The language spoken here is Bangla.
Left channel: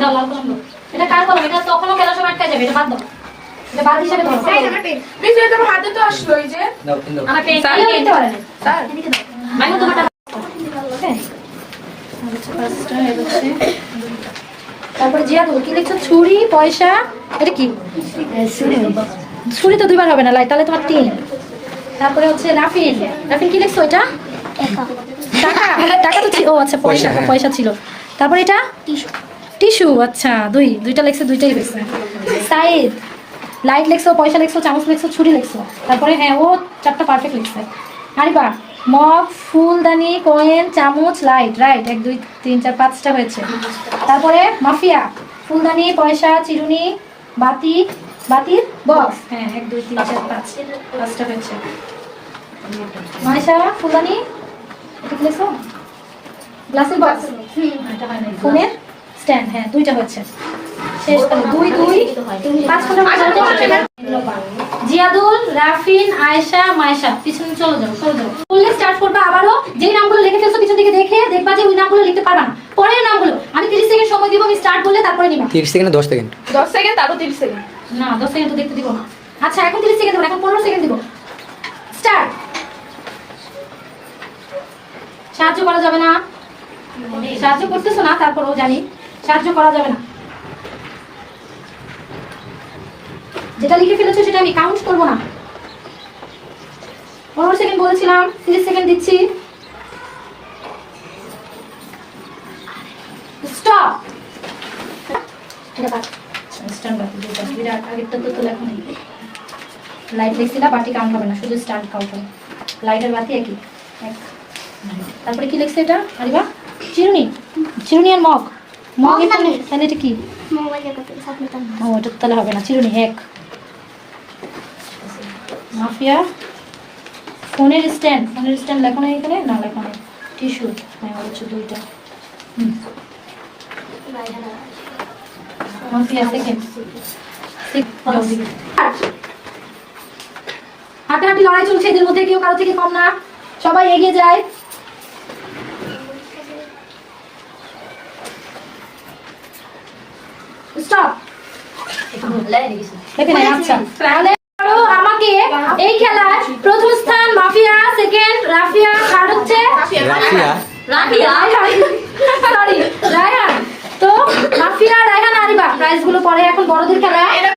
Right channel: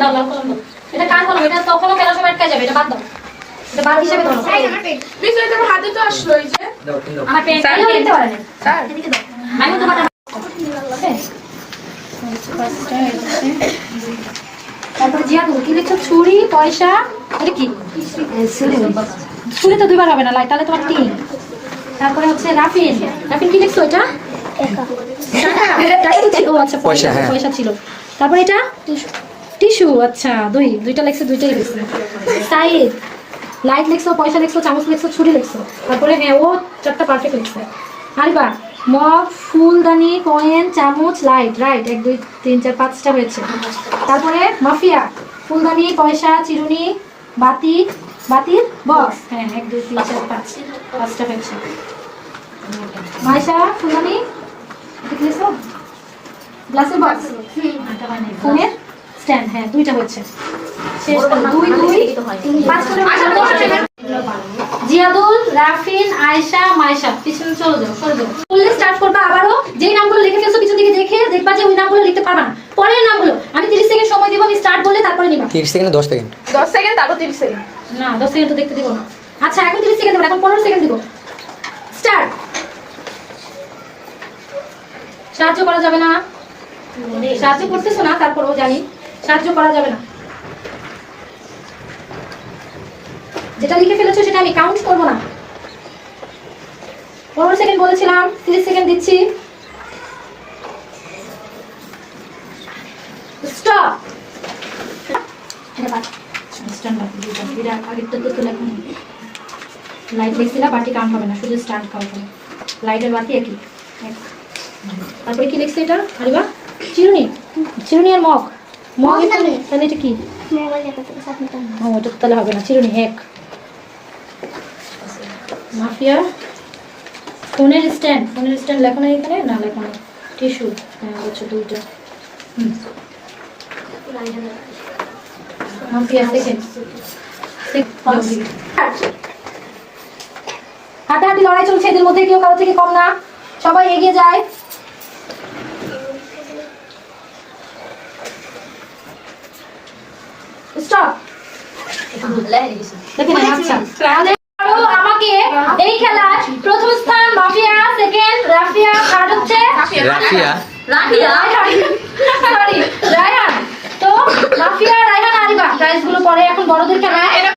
দাও লাল কলম দাও। এটা কার কলম? এটা তখনও খেলার সময় আটকে যাবে, এটা বাদ দাও। এটা বাদ হিসেবে ধরো। প্লিজ এটা আমার হাতে তো আসলো এই যে। আমার পেন স্যার দিতে পারেন স্যার মাইমু তো বাটা। তারপরে জিয়াদুল কি লিখছো? ছুরি, পয়সা, এটা কি? ছুরি তো দুইবার হবে না, লাই তাহলে তোমার 3। তারপরে হচ্ছে রাফিন, রাফিন কি লিখছো? এটা টাকা তো ছিল। ও আচ্ছা, পয়সা, পয়সা ছিল। তারপরে এটা টিস্যু, আচ্ছা দুইটা লিখছো, দুইটাই লিখছো। সাইদ লাইট লিখছো, পয়সা লিখছো, চামচ লিখছো, ছুরি লিখছো। তারপরে হ্যাঁ ও 4টা পারফেক্ট লিখছে। আরিবা মগ, ফুলদানি, কয়েন, চামচ, লাইট, রাইট 1 2 3 4 5টা হয়েছে। তারপরে মাফিয়া ফুলদানি, পয়সা, চিরুনি, বাতি, বাতির বক্স, হ্যাঁ 1 2 3 4 5 5টা হয়েছে। মাইশা ফুলদানি ঠিক লিখছো, গ্লাসের বক্স, এটা হয় নাই, ফোনের স্ট্যান্ড, হ্যাঁ 2টা হয়েছে। শেষ করে 2 2 5 করে জিয়াদুল, রাফিন, আয়েশা, মায়েশা পিছনে চলে যাও, সরে যাও। বললে স্টার্ট করবা আবারও। যেই নামগুলো লিখে ফেলছো পিছন দিকে দেখে দেখবা যে ওই নামগুলো লিখতে পারবা না। পরের নামগুলো আমি 30 সেকেন্ড সময় দিব, আমি স্টার্ট বললে তারপরে নিবা। 30 সেকেন্ড 10 সেকেন্ড 10 সেকেন্ড তারপর 30 সেকেন্ড। না 10 সেকেন্ড তো দেখতে দিব না। আচ্ছা এখন 30 সেকেন্ড দেব, এখন 15 সেকেন্ড দিব। স্টার্ট। সাহায্য করা যাবে না, সাহায্য করতেছো না, তারপরেও জানি সাহায্য করা যাবে না। যেটা লিখে ফেলেছো সেটা আমি কাউন্ট করব না। 15 সেকেন্ড বলেছিলাম, 30 সেকেন্ড দিচ্ছি। স্টপ। এটা বাদ। স্ট্যান্ড বাদ দুইটা, বিরাট আগেরটা তো লেখা নেই। লাইট লিখছিলা, বাতি কাউন্ট হবে না, শুধু স্ট্যান্ড কাউন্ট হবে। লাইটের বাতি একই। তারপরে কি লিখছে এটা? আরিবা চিরুনি, চিরুনি আর মগ, মগ তাহলে এটা কি? ও এটা তাহলে হবে না, চিরুনি 1। মাফিয়া ফোনের স্ট্যান্ড, ফোনের স্ট্যান্ড লেখো না এখানে, না লেখো না। টিস্যু, হ্যাঁ হচ্ছে 2টা। Mafia second. হাতাহাতি লড়াই চলছে, এদের মধ্যে কেউ কারো থেকে কম না, সবাই এগিয়ে যায়। স্টপ। আচ্ছা তাহলে আমাকে এই খেলায় প্রথম স্থান মাফিয়া, সেকেন্ড রাফিয়া, থার্ড হচ্ছে রাফিয়া সরি রায়হান। তো মাফিয়া, রায়হান, আরিবা প্রাইজ গুলো পরে, এখন বড়দের খেলায়